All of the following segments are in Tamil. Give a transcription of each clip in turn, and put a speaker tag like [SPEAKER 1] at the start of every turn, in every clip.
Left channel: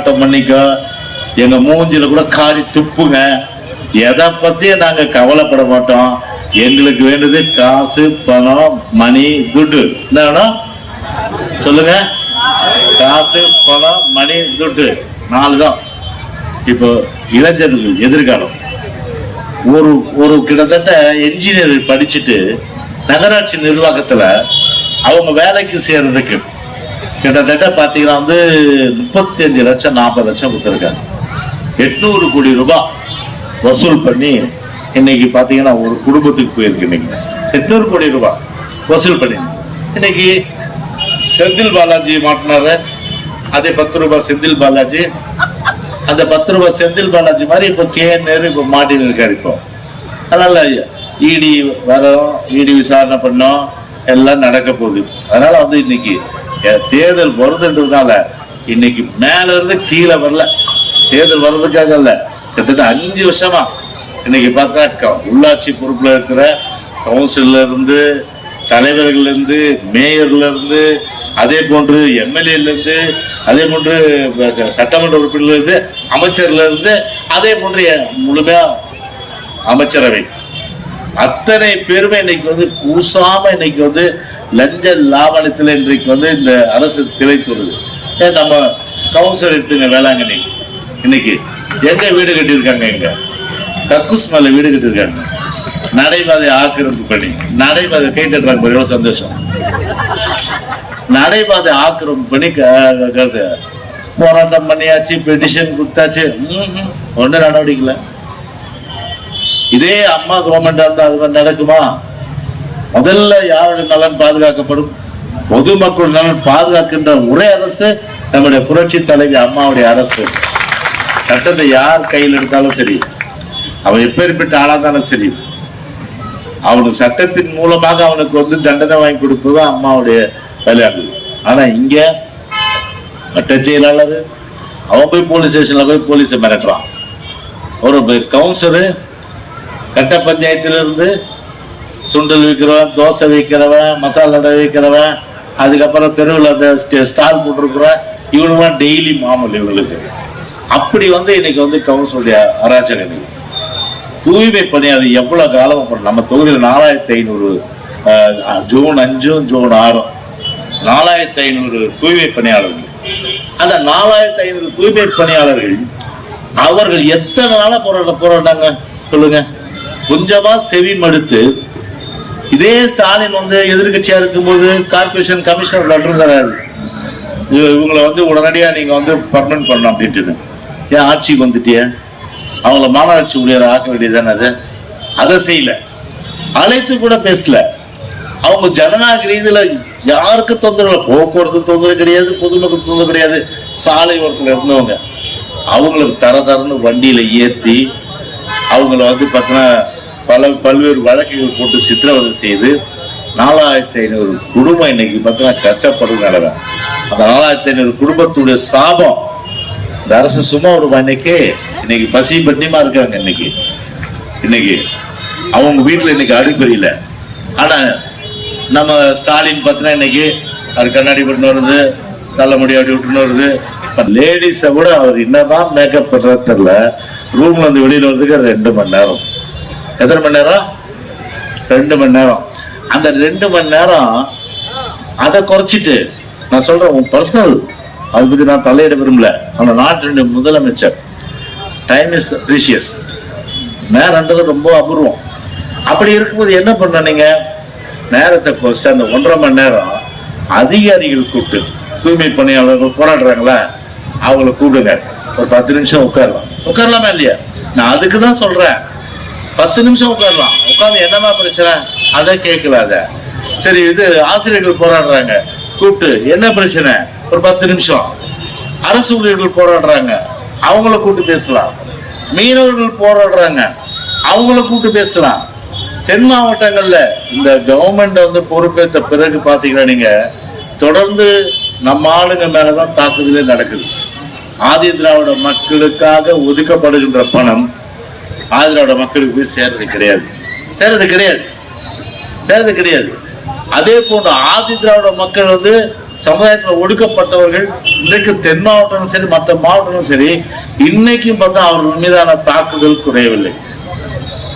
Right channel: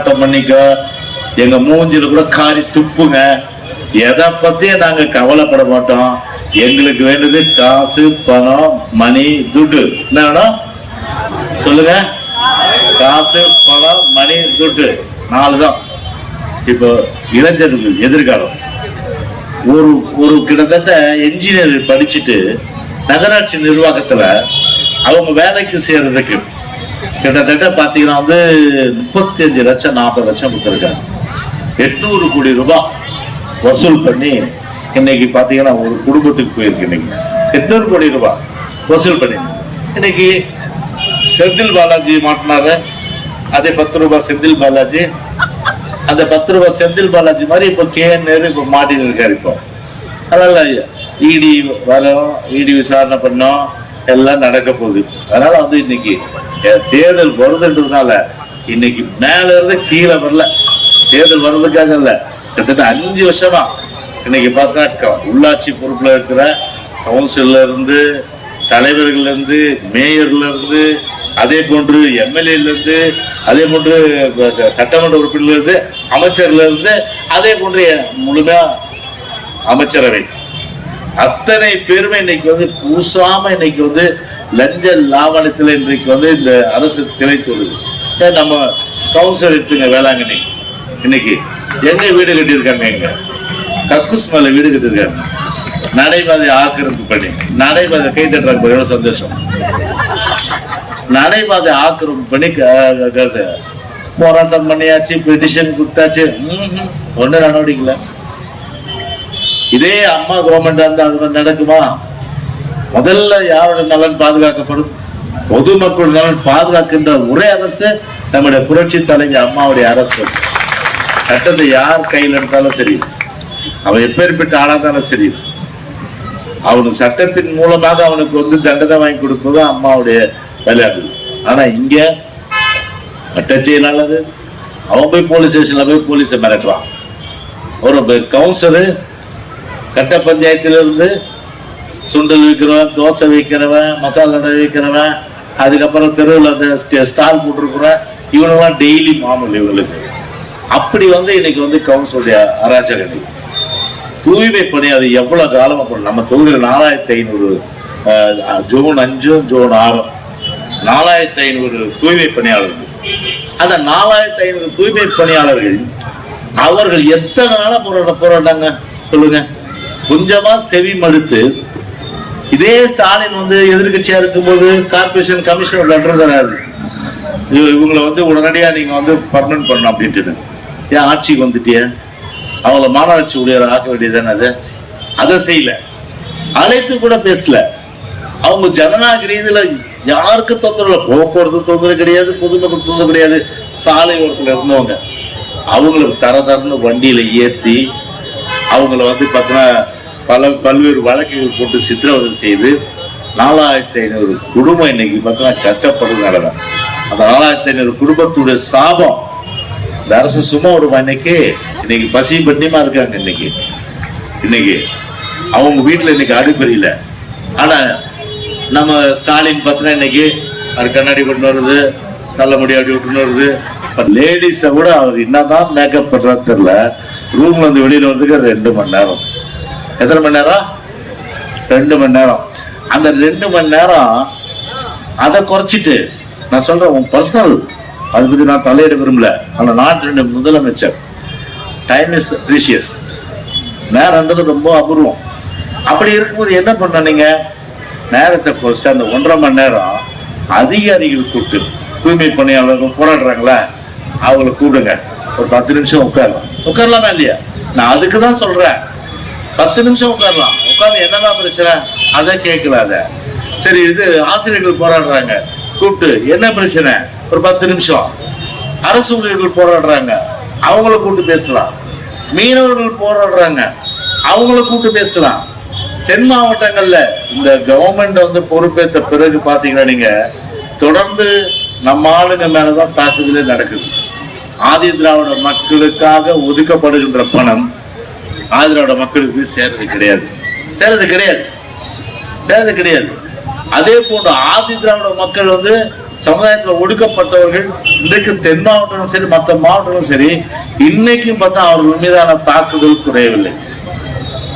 [SPEAKER 1] போராட்டம் பண்ணிக்கோ. எங்க மூஞ்சில கூட காரி துப்புங்க. எதை பத்தியும் நாங்க கவலைப்பட மாட்டோம். எங்களுக்கு வேண்டியது காசு பணம் மணி துட்டு என்ன வேணும்? சொல்லுங்க. காசு பணம் மணி துட்டு நாலு தான் இப்போ இளைஞர்கள் எதிர்காலம். ஒரு ஒரு கிட்டத்தட்ட என்ஜினியர் படிச்சுட்டு நகராட்சி நிர்வாகத்துல அவங்க வேலைக்கு சேர்றதுக்கு கிட்டத்தட்ட பார்த்தீங்கன்னா வந்து முப்பத்தி அஞ்சு லட்சம் நாற்பது லட்சம் கொடுத்துருக்காங்க. எட்நூறு கோடி ரூபாய் வசூல் பண்ணி இன்னைக்கு பார்த்தீங்கன்னா ஒரு குடும்பத்துக்கு போயிருக்கு இன்னைக்கு. எட்நூறு கோடி ரூபாய் வசூல் பண்ணி. இன்னைக்கு செந்தில் பாலாஜி மாட்டினாரு. அதே பத்து ரூபாய் செந்தில் பாலாஜி. அந்த பத்து ரூபாய் செந்தில் பாலாஜி மாதிரி இப்போ கே இப்போ மாட்டின்னு இருக்காரு இப்போ. அதனால இடி வரோம் இடி விசாரணை பண்ணோம் எல்லாம் நடக்க போகுது. அதனால வந்து இன்னைக்கு தேர்தல் வருதுன்றதுனால இன்னைக்கு மேல இருந்து கீழே வரல. தேர்தல் வர்றதுக்காக இல்ல. கிட்டத்தட்ட அஞ்சு வருஷமா இன்னைக்கு பார்த்தா உள்ளாட்சி பொறுப்புல இருக்கிற கவுன்சில்ல இருந்து தலைவர்கள்ல இருந்து மேயர்ல இருந்து அதே போன்று எம்எல்ஏல இருந்து அதே போன்று சட்டமன்ற உறுப்பினர்ல இருந்து அமைச்சர்ல இருந்து அதே போன்று முழுமையா அமைச்சரவை. அத்தனை பேருமே இன்னைக்கு வந்து பூசாம இன்னைக்கு வந்து லஞ்ச லாவணத்தில் இன்றைக்கு வந்து இந்த அரசு திளைத்துள்ளது நம்ம கவுன்சில் எடுத்துங்க வேளாங்கண்ணி. இன்னைக்கு எங்க வீடு கட்டியிருக்காங்க எங்க கக்கூஸ் மேல வீடு கட்டியிருக்காங்க. நடைபாதை ஆக்கிரமிப்பு பண்ணி. நடைபாதை கை தட்டுறாங்க எவ்வளவு சந்தோஷம். நடைபாதை ஆக்கிரமிப்பு பண்ணி போராட்டம் பண்ணியாச்சு பெட்டிஷன் கொடுத்தாச்சு. ம்ஹும். ஒண்ணும் நடவடிக்கை இதே அம்மா கவர்மெண்ட் வந்து அது மாதிரி நடக்குமா? முதல்ல யாருடைய நலன் பாதுகாக்கப்படும்? பொதுமக்கள் நலன் பாதுகாக்கின்ற ஒரே அரசு நம்முடைய புரட்சி தலைவி அம்மாவுடைய அரசு. சட்டத்தை யார் கையில் எடுத்தாலும் சரி அவன் எப்பேற்பட்ட ஆளாதானே சரி. அவனுக்கு சட்டத்தின் மூலமாக அவனுக்கு வந்து தண்டனை வாங்கி கொடுப்பது அம்மாவுடைய விளையாட்டு ஆனா இங்க சட்ட செயலாளர் அவன் போய் போலீஸ் ஸ்டேஷன்ல போய் போலீஸை மிரட்டுறான். ஒரு கவுன்சிலர் கட்ட பஞ்சாயத்திலிருந்து சுண்டல் விற்கிறவன் தோசை விற்கிறவன் மசாலா அடை விற்கிறவன் அதுக்கப்புறம் தெருவில் அந்த ஸ்டால் போட்டிருக்கிறவன் இவனுலாம் டெய்லி மாமல் இவங்களுக்கு. அப்படி வந்து இன்னைக்கு வந்து கவுன்சிலுடைய அராஜகம் தூய்மை பணியாளர் எவ்வளவு காலம் அப்புறம் நம்ம தொகுதியில் நாலாயிரத்தி ஐநூறு ஜூன் அஞ்சும் ஜூன் ஆறும் நாலாயிரத்தி ஐநூறு தூய்மை பணியாளர்கள். அந்த நாலாயிரத்தி ஐநூறு தூய்மை பணியாளர்கள் அவர்கள் எத்தனை நாளா போராட்ட போராட்டாங்க? சொல்லுங்க. கொஞ்சமா செவி மடுத்து இதே ஸ்டாலின் வந்து எதிர்கட்சியா இருக்கும்போது கார்பரேஷன் கமிஷனர் லெட்டர் தராரு இவங்களை வந்து உடனடியாக நீங்கள் வந்து பர்மனன்ட் பண்ணணும் அப்படின்ட்டு ஏன் ஆட்சிக்கு வந்துட்டிய? அவங்கள மாநகராட்சி ஊழியர் ஆக்க வேண்டியதானே அது? அதை செய்யல. அழைத்து கூட பேசல. அவங்க ஜனநாயக ரீதியில் யாருக்கு தொந்தரவு இல்லை. போக்குவரத்து தொந்தரவு கிடையாது பொதுமக்கள் தொந்தரவு கிடையாது. சாலை ஓரத்தில் இருந்தவங்க. அவங்களுக்கு தர தரன்னு வண்டியில் ஏற்றி அவங்கள வந்து பார்த்தீங்கன்னா பல பல்வேறு வழக்குகள் போட்டு சித்திரவதை செய்து நாலாயிரத்தி ஐநூறு குடும்பம் இன்னைக்கு பார்த்தீங்கன்னா கஷ்டப்படுறதுனால தான் அந்த நாலாயிரத்தி ஐநூறு குடும்பத்துடைய சாபம். இந்த அரசு சும்மா விடுமா இன்னைக்கு? இன்னைக்கு பசி பட்டியமா இருக்காங்க இன்னைக்கு. இன்னைக்கு அவங்க வீட்டில் இன்னைக்கு அடுப்பெரியல ஆனா நம்ம ஸ்டாலின் பார்த்தீங்கன்னா இன்னைக்கு அவர் கண்ணாடி விட்டுன்னு வருது தள்ள முடி அப்படி விட்டுன்னு வருது. லேடிஸை கூட அவர் என்னதான் மேக்கப் பண்றது தெரியல. ரூம்ல இருந்து வெளியில வர்றதுக்கு ரெண்டு மணி நேரம். எத்தனை மணி நேரம்? ரெண்டு மணி நேரம். அந்த ரெண்டு மணி நேரம் அதை குறைச்சிட்டு நான் சொல்றேன் உன் பர்சனல் அதை பத்தி நான் தலையிட விரும்பல. அந்த நாட்டின் முதலமைச்சர் டைம் இஸ் ப்ரீஷியஸ் நேரன்றது ரொம்ப அபூர்வம். அப்படி இருக்கும்போது என்ன பண்ண நீங்க? நேரத்தை குறைச்சிட்டு அந்த ஒன்றரை மணி நேரம் அதிகாரிகள் கூப்பிட்டு தூய்மை பணியாளர்கள் போராடுறாங்களா அவங்கள கூப்பிடுங்க. ஒரு பத்து நிமிஷம் உட்காரலாம். உட்காரலாமா இல்லையா? நான் அதுக்கு தான் சொல்றேன். பத்து நிமிஷம் உட்காரலாம். உட்காந்து என்னமா பிரச்சனை? அதை கேட்கலாத. சரி இது ஆசிரியர்கள் போராடுறாங்க. கூப்பிட்டு என்ன பிரச்சனை? ஒரு பத்து நிமிஷம். அரசு ஊழியர்கள் போராடுறாங்க. அவங்கள கூப்பிட்டு பேசலாம். மீனவர்கள் போராடுறாங்க. அவங்கள கூப்பிட்டு பேசலாம். தென் மாவட்டங்கள்ல இந்த கவர்மெண்ட் வந்து பொறுப்பேற்ற பிறகு பாத்தீங்கன்னா நீங்க தொடர்ந்து நம்ம ஆளுங்க மேலதான் தாக்குதலே நடக்குது. ஆதி திராவிட மக்களுக்காக ஒதுக்கப்படுகின்ற பணம் ஆந்திராவோட மக்களுக்கு சேர்றது கிடையாது. சேர்றது கிடையாது. சேர்றது கிடையாது. அதே போன்று ஆதி திராவிட மக்கள் வந்து சமுதாயத்தில் ஒடுக்கப்பட்டவர்கள் இன்றைக்கு தென் மாவட்டமும் சரி மற்ற மாவட்டமும் சரி இன்னைக்கும் பார்த்தா அவர்கள் மீதான தாக்குதல் குறையவில்லை.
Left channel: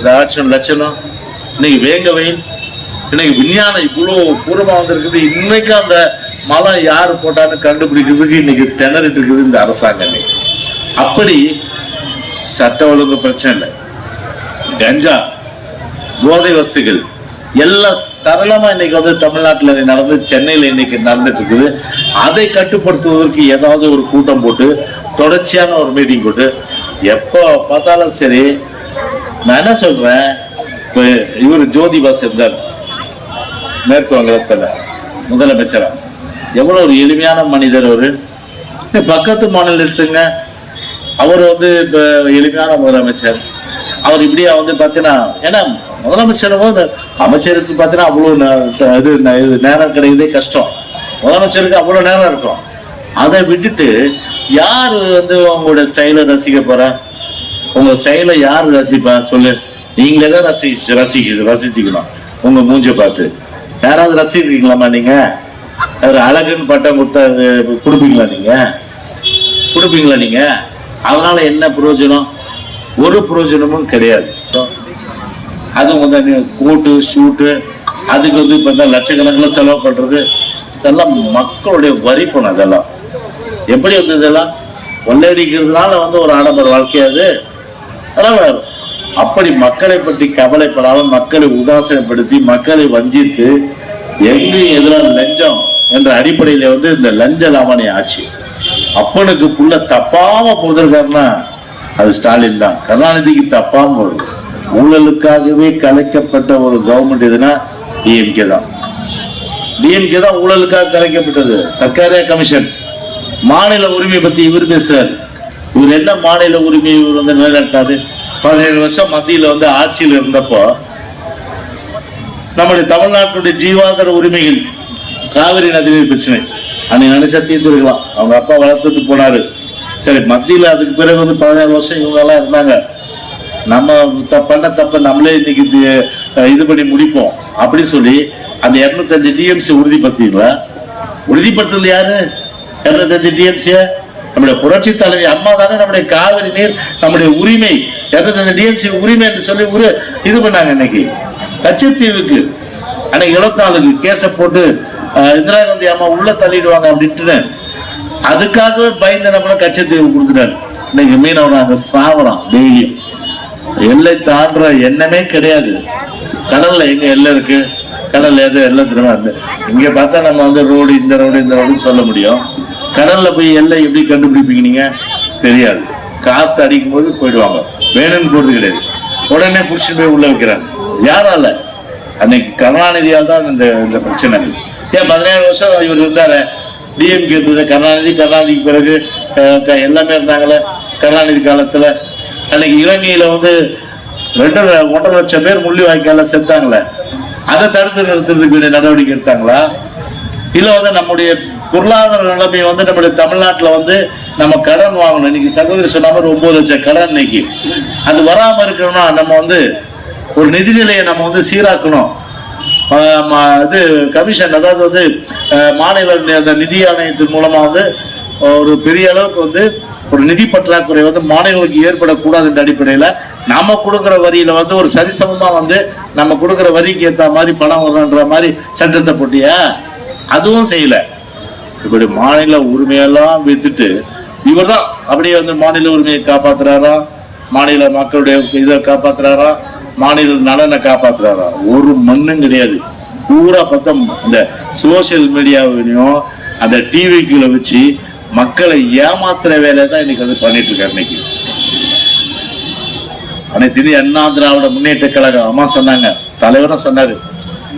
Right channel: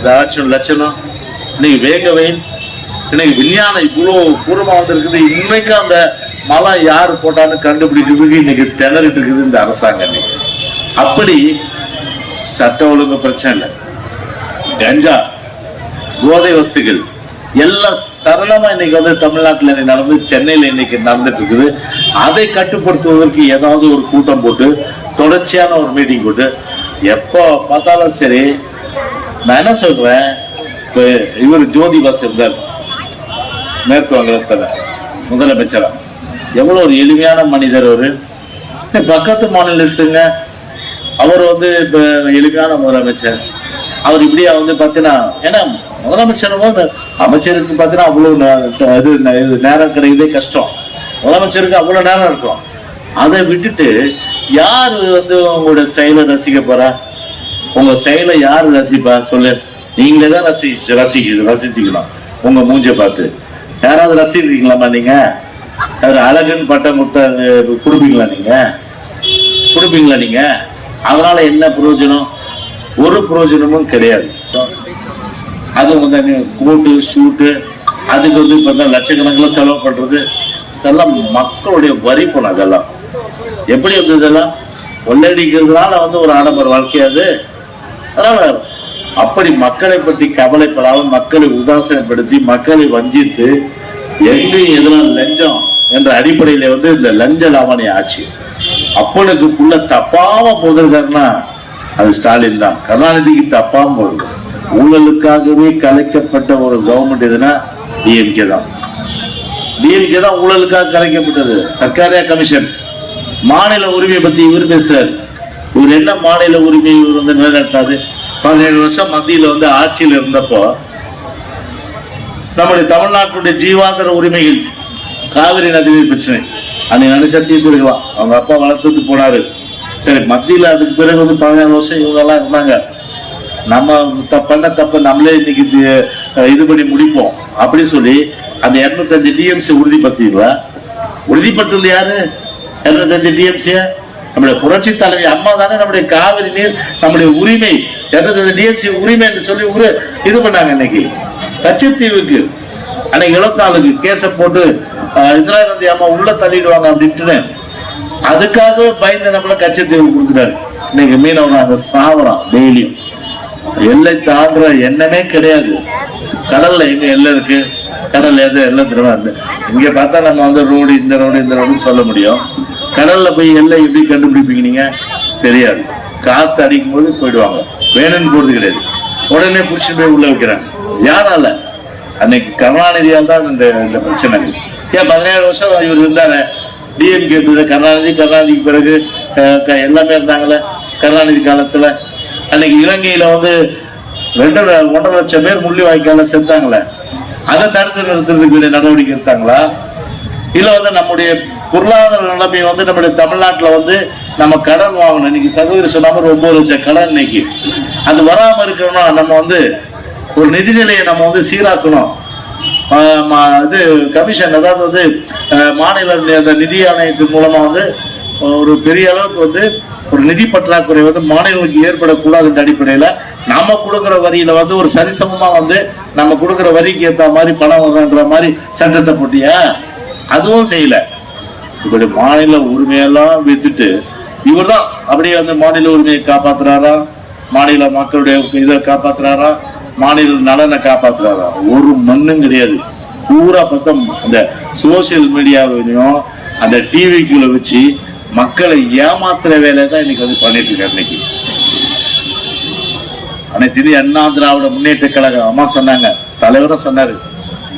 [SPEAKER 1] ஏதாச்சும் லட்சணம். இன்னைக்கு வேக வெயில். இன்னைக்கு விஞ்ஞானம் இவ்வளோ பூர்வமாக வந்திருக்குது. இன்னைக்கு அந்த மலம் யார் போட்டாலும் கண்டுபிடிக்கிறதுக்கு இன்னைக்கு திணறிட்டு இருக்குது இந்த அரசாங்கம். அப்படி சட்ட ஒழுங்கு பிரச்சனை இல்லை. கஞ்சா போதை வஸ்துகள் எல்லாம் சரளமா இன்னைக்கு வந்து தமிழ்நாட்டில் இன்னைக்கு நடந்து சென்னையில் இன்னைக்கு நடந்துட்டு இருக்குது. அதை கட்டுப்படுத்துவதற்கு ஏதாவது ஒரு கூட்டம் போட்டு தொடர்ச்சியான ஒரு மீட்டிங் போட்டு எப்போ பார்த்தாலும் சரி நான் என்ன சொல்றேன்? இவர் ஜோதி பாஸ் இருந்தார். மேற்கு வங்கத்தில் முதலமைச்சரா. எவ்வளோ ஒரு எளிமையான மனிதர் அவரு. பக்கத்து மாநிலத்துங்க அவர் வந்து இப்போ எளிமையான முதலமைச்சர். அவர் இப்படியா வந்து பார்த்தீங்கன்னா ஏன்னா முதலமைச்சரும் போது அமைச்சருக்கு பார்த்தீங்கன்னா அவ்வளோ நே- இது நேரம் கிடைக்கிறதே கஷ்டம். முதலமைச்சருக்கு அவ்வளோ நேரம் இருக்கும். அதை விட்டுட்டு யார் வந்து உங்களோட ஸ்டைலை ரசிக்க போறா? உங்க ஸ்டைலை யார் ரசிப்பா? சொல்லு. நீங்களே தான் ரசிச்சு ரசிக்க ரசிச்சுக்கலாம் உங்க மூஞ்ச பார்த்து. யாராவது ரசிக்கிறீங்களாமா நீங்க? அவர் அழகுன்னு பட்டம் கொடுத்தா கொடுப்பீங்களா நீங்க? கொடுப்பீங்களா நீங்க? அதனால என்ன பிரயோஜனம்? ஒரு பிரயோஜனமும் கிடையாது. அது வந்து கூட்டு கோட்டு ஷூட்டு அதுக்கு வந்து இப்போ தான் லட்சக்கணக்கில் செலவு பண்ணுறது இதெல்லாம் மக்களுடைய வரி பணம் அதெல்லாம். எப்படி வந்து இதெல்லாம்? கொள்ளையடிக்கிறதுனால வந்து ஒரு ஆடம்பர வாழ்க்கையாது அதனால் அப்படி மக்களை பற்றி கவலைப்படாமல் மக்களை உதாசீனப்படுத்தி மக்களை வஞ்சித்து எங்கேயும் எதிராக லஞ்சம் என்ற அடிப்படையில் வந்து இந்த லஞ்ச லாவணி ஆட்சி அப்பனுக்கு புள்ள தப்பாம போதிருக்காருன்னா அது ஸ்டாலின் தான். கருணாநிதிக்கு தப்பாம வரும் ஊழலுக்காகவே கலைக்கப்பட்ட ஒரு கவர்மெண்ட் எதுனா டிஎம்கே தான். டிஎம்கே தான் ஊழலுக்காக கலைக்கப்பட்டது. சர்க்காரியா கமிஷன். மாநில உரிமை பத்தி இவர் பேசுறாரு. இவர் என்ன மாநில உரிமை இவர் வந்து நிலைநாட்டாரு பதினேழு வருஷம் மத்தியில வந்து ஆட்சியில் இருந்தப்போ நம்முடைய தமிழ்நாட்டுடைய ஜீவாந்தர உரிமைகள் காவிரி நதிநீர் பிரச்சனை. அன்னைக்கு நினைச்சா தீர்த்துருக்கலாம் அவங்க அப்பா வளர்த்துட்டு போனாரு. சரி மத்தியில் அதுக்கு பிறகு வந்து பதினேழு வருஷம் இவங்கெல்லாம் இருந்தாங்க. நம்ம த- பண்ண தப்ப நம்மளே இன்னைக்கு இது- இது பண்ணி முடிப்போம். அப்படின்னு சொல்லி அந்த எண்பத்தஞ்சு டிஎம்சி உறுதிப்படுத்தீங்களா உறுதிப்படுத்துறது யாரு? இருநூத்தஞ்சு டிஎம்சிய நம்முடைய புரட்சி தலைவி அம்மா தானே நம்முடைய காவிரி நீர் நம்முடைய உரிமை. எண்பத்தஞ்சு டிஎம்சி உரிமை என்று சொல்லி ஒரு இது பண்ணாங்க இன்னைக்கு. கச்சத்தீவுக்கு அன்னைக்கு இருபத்தி நாலுக்கு கேஸை போட்டு இந்திரா காந்தி அம்மா உள்ள தள்ளிடுவாங்க அப்படின்ட்டு அதுக்காகவே பயந்து நம்மள கச்சத்தீவு கொடுத்துட்டாரு. இன்னைக்கு மீனவன் அங்க சாவறான் டெய்லியும். எல்லை தாண்டுற எண்ணமே கிடையாது. கடல்ல எங்க எல்லை இருக்கு? கடல்ல எது? எல்லாம் திரும்ப வந்து இங்க பார்த்தா நம்ம வந்து ரோடு இந்த ரோடு இந்த ரோடுன்னு சொல்ல முடியும். கடல்ல போய் எல்லை எப்படி கண்டுபிடிப்பீங்க நீங்க? தெரியாது. காத்து அடிக்கும் போது போயிடுவாங்க. வேணும்னு போறது கிடையாது. உடனே பிடிச்சி போய் உள்ள வைக்கிறாங்க. யாரால? அன்னைக்கு கருணாநிதியால் தான் இந்த இந்த பிரச்சனை. ஏன் பதினேழு வருஷம் இவர் இருந்தாரு. டிஎம்கே இருந்தது. கருணாநிதி கருணாநிதிக்கு பிறகு க- எல்லாமே இருந்தாங்களே கருணாநிதி காலத்தில். அன்னைக்கு இலங்கையில் வந்து ரெண்டு ஒன்றரை லட்சம் பேர் முள்ளி வாய்க்கால செத்தாங்களே அதை தடுத்து நிறுத்துறதுக்கு வேண்டிய நடவடிக்கை எடுத்தாங்களா? இல்லை வந்து நம்முடைய பொருளாதார நிலைமை வந்து நம்முடைய தமிழ்நாட்டில் வந்து நம்ம கடன் வாங்கணும். இன்னைக்கு சகோதரி சொன்ன மாதிரி ஒன்பது லட்சம் கடன் இன்னைக்கு. அது வராமல் இருக்கணும்னா நம்ம வந்து ஒரு நிதிநிலையை நம்ம வந்து சீராக்கணும். இது கமிஷன் அதாவது வந்து மாநில அந்த நிதி ஆணையத்தின் மூலமா வந்து ஒரு பெரிய அளவுக்கு வந்து ஒரு நிதி பற்றாக்குறை வந்து மாநிலங்களுக்கு ஏற்படக்கூடாது என்ற அடிப்படையில நாம கொடுக்குற வரியில வந்து ஒரு சரிசமமா வந்து நம்ம கொடுக்குற வரிக்கு ஏத்த மாதிரி பணம் வரும்ன்ற மாதிரி சட்டத்தை போட்டியா? அதுவும் செய்யல. இப்படி மாநில உரிமையெல்லாம் வித்துட்டு இவர்தான் அப்படியே வந்து மாநில உரிமையை காப்பாத்துறாரா? மாநில மக்களுடைய இதை காப்பாத்துறாரா? மாநில நலனை காப்பாத்துறாரா? ஒரு மண்ணும் கிடையாது. பூரா பக்கம் அந்த சோசியல் மீடியாவிலையும் அந்த டிவிக்குள்ள வச்சு மக்களை ஏமாத்துற வேலையை தான் இன்னைக்கு வந்து பண்ணிட்டு இருக்காரு இன்னைக்கு. அனைத்து இந்திய அண்ணா திராவிட முன்னேற்ற கழகம் அம்மா சொன்னாங்க தலைவரும் சொன்னாரு.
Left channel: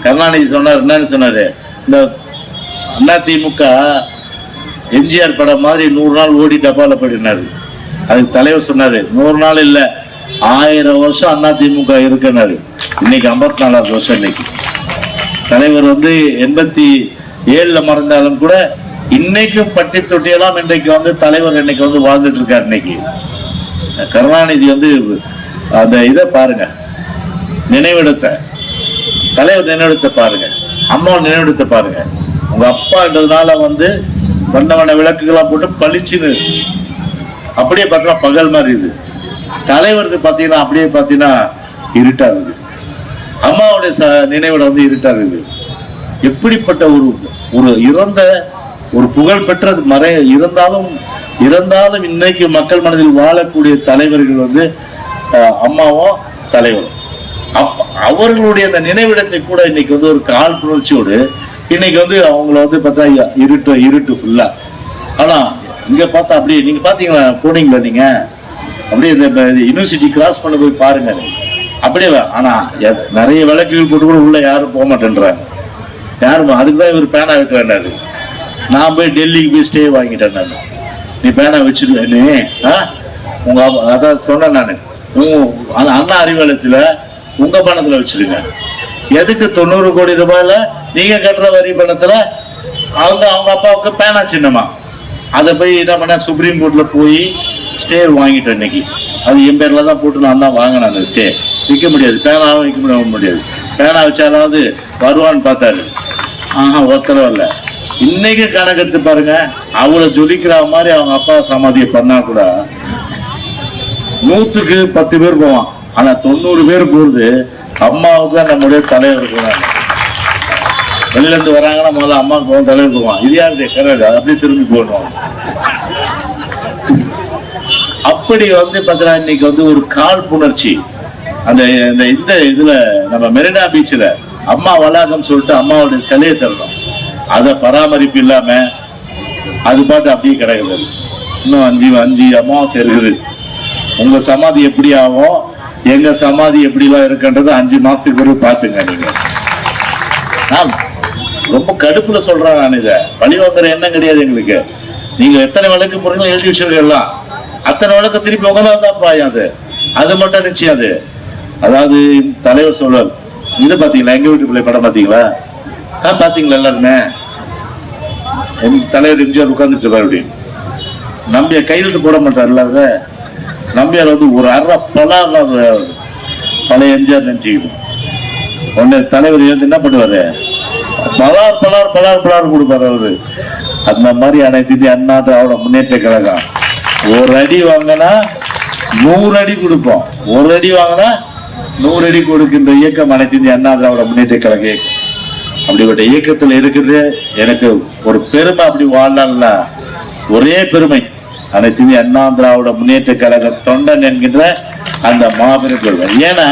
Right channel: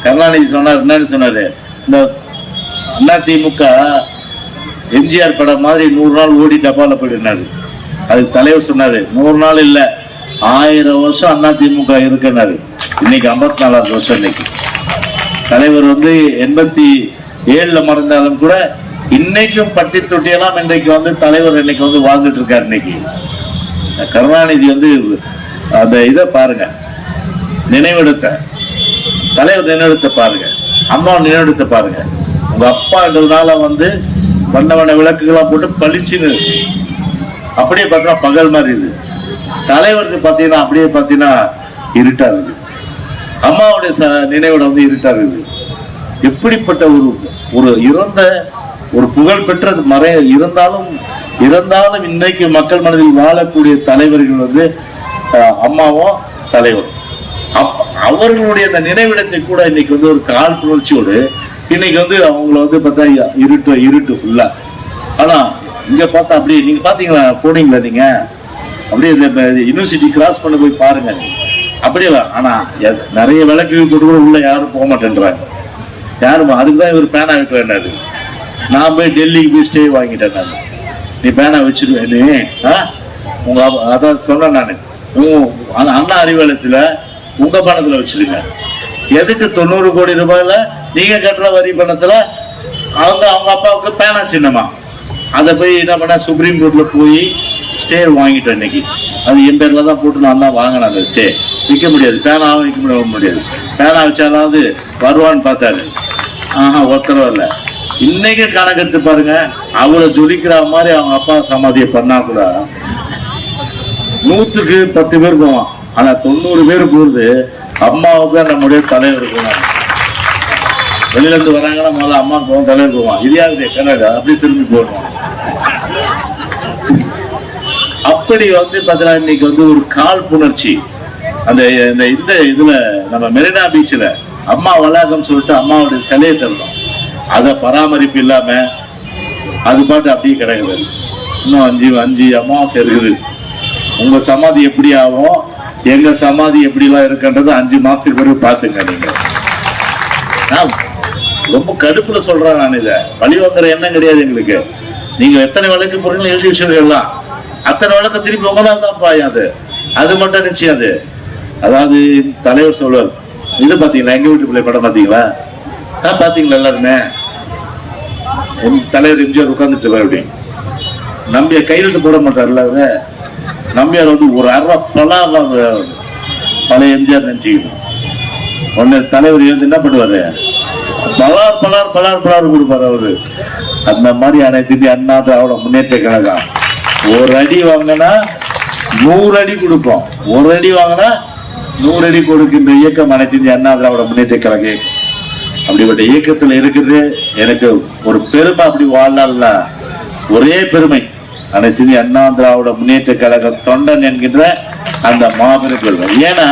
[SPEAKER 1] கருணாநிதி சொன்னார் என்னன்னு சொன்னாரு. இந்த அண்ணா திமுக எம்ஜிஆர் படம் மாதிரி நூறு நாள் ஓடி டப்பால போயிடுனாரு. அதுக்கு தலைவர் சொன்னாரு நூறு நாள் இல்ல ஆயிரம் வருஷம் அண்ணா திமுக இருக்குனாரு. இன்னைக்கு ஐம்பத்தி நாலாவது வருஷம் இன்னைக்கு. தலைவர் வந்து எண்பத்தி ஏழுல மறந்தாலும் கூட இன்னைக்கும் பட்டி தொட்டியெல்லாம் இன்றைக்கு வந்து தலைவர் இன்னைக்கு வந்து வாழ்ந்துட்டு இருக்காரு இன்னைக்கு. கருணாநிதி வந்து அந்த இதை பாருங்க. நினைவிடத்தை. தலைவர் நினைவிடத்தை பாருங்க. அம்மா நினைவிடத்தை பாருங்க. உங்க அப்பான்றதுனால வந்து வண்ண வண்ண விளக்குகளாக போட்டு பளிச்சுன்னு அப்படியே பார்த்தா பகல் மாதிரி இது தலைவரது பார்த்தீங்கன்னா அப்படியே பார்த்தீங்கன்னா இருட்டா இருக்கு அம்மாவுடைய ச- வந்து இருட்டா இருக்குது. எப்படிப்பட்ட ஒரு ஒரு இறந்த ஒரு புகழ்பெற்ற மறை இருந்தாலும் இருந்தாலும் இன்னைக்கு மக்கள் மனதில் வாழக்கூடிய தலைவர்கள் வந்து அஹ், அம்மாவும் தலைவர். அப்- அவர்களுடைய அந்த நினைவிடத்தை கூட இன்னைக்கு வந்து ஒரு கால் புணர்ச்சியோடு இன்னைக்கு வந்து அவங்கள வந்து பார்த்தா இருட்டு இருட்டு ஃபுல்லா ஆனா இங்க பார்த்தா அப்படியே நீங்க பாத்தீங்களா போனீங்களா நீங்க? அப்படியே இந்த யூனிவர்சிட்டி கிராஸ் பண்ண போய் பாருங்க. அப்படியே ஆனா நிறைய விளக்குகள் போட்டு கூட உள்ள யாரும் போக மாட்டேன்றாங்க. யாரும் அதுக்கு தான் இவர் பேனா வைக்கிறேன்னாரு நான் போய் டெல்லிக்கு போய் ஸ்டே வாங்கிட்டேன் நான். நீ பேனா வச்சிருவேன்னு உங்க அதான் சொன்னேன் நான். அந்த அண்ணா அறிவாலயத்துல உங்க பணத்துல வச்சிருங்க. எதுக்கு தொண்ணூறு கோடி ரூபாயில நீங்க கட்டுற வரி பணத்துல அவங்க அவங்க அப்பாவுக்கு பேனா சின்னமா? அதை போய் என்ன பண்ண சுப்ரீம் கோர்ட்ல போய் ஸ்டே வாங்கிட்டேன் இன்னைக்கு. அது என் பேரில் தான் போட்டு நான் தான் வாங்கினேன் அந்த ஸ்டே நிற்க முடியாது. பேனாவும் நிற்க முடிய- முடியாது பேனா வச்சாலாவது வருவான்னு பார்த்தாரு. ஆஹா ஒத்தரவு இல்லை. இன்னைக்கு கணக்கெடுத்து பாருங்க. அவளை ஜொலிக்கிற மாதிரி அவங்க அப்பா சமாதியை பண்ணா கூட நூத்துக்கு பத்து பேர் போவான். ஆனா தொண்ணூறு பேர் போகிறது அம்மாவுக்கு நம்முடைய தலைவர் போவாங்க. வெளியிலேருந்து வராங்கன்னா முதல்ல அம்மாவுக்கு போவோம் தலைவர் போவான். இது யாருது? கனடா அப்படியே திரும்பி போடுவான். அப்படி வந்து பார்த்தீங்கன்னா இன்னைக்கு வந்து ஒரு காழ்ப்புணர்ச்சி அந்த இந்த இந்த இதுல நம்ம மெரினா பீச்சில் அம்மா வளாகம் சொல்லிட்டு அம்மாவுடைய சிலையை தரணும் அதை பராமரிப்பு இல்லாம அது பாட்டு அப்படியே கிடக்குது. இன்னும் அஞ்சு அஞ்சு அமாவாசை இருக்குது. உங்க சமாதி எப்படி ஆகும்? எங்க சமாதி எப்படிலாம் இருக்குன்றது அஞ்சு மாசத்துக்கு பிறகு பாத்துங்க நீங்க. ரொம்ப கடுப்புல சொல்றேன் நான் இதை. பழி வாங்குற எண்ணம் கிடையாது எங்களுக்கு. நீங்க எத்தனை விளக்கு பொருட்கள் எழுதி வச்சிருக்கலாம் அத்தனை விளக்க திருப்பி உங்களால் தான் பாயும் அது. அது மட்டும் நிச்சயம் அது. அதாவது தலைவர் சொல்றார் இது பாத்தீங்களா? எங்க வீட்டு பிள்ளை படம் பாத்தீங்களா? ஆ பாத்தீங்களா எல்லாருமே? எம் தலைவர் எம்ஜிஆர் உட்கார்ந்துட்டு இருப்பார் அப்படின்னு நம்பியார் கையெழுத்து போட மாட்டார்ல அத நம்பியார் வந்து ஒரு அரை பலார் பழைய எம்ஜிஆர் நினைச்சுக்கணும் உடனே தலைவர் எழுந்து என்ன பண்ணுவாரு? பலார் பலார் பலார் பலார் கொடுப்பாரு அவரு. அந்த மாதிரி அனைத்து இந்திய அண்ணா திராவிட முன்னேற்ற கழகம். ஒரு அடி வாங்கினா நூறு அடி கொடுப்போம். ஒரு அடி வாங்கினா நூறு அடி கொடுக்கின்ற இயக்கம் அனைத்து இந்திய அண்ணா திராவிட முன்னேற்ற கழக. இயக்கம் அப்படிப்பட்ட இயக்கத்தில் இருக்கிறது. எனக்கு ஒரு பெருமை அப்படி வாழல ஒரே பெருமை. அனைத்து இந்திய அண்ணா திராவிட முன்னேற்ற கழக தொண்டன் என்கின்ற அந்த மாபெரும் பெருமை. ஏன்னா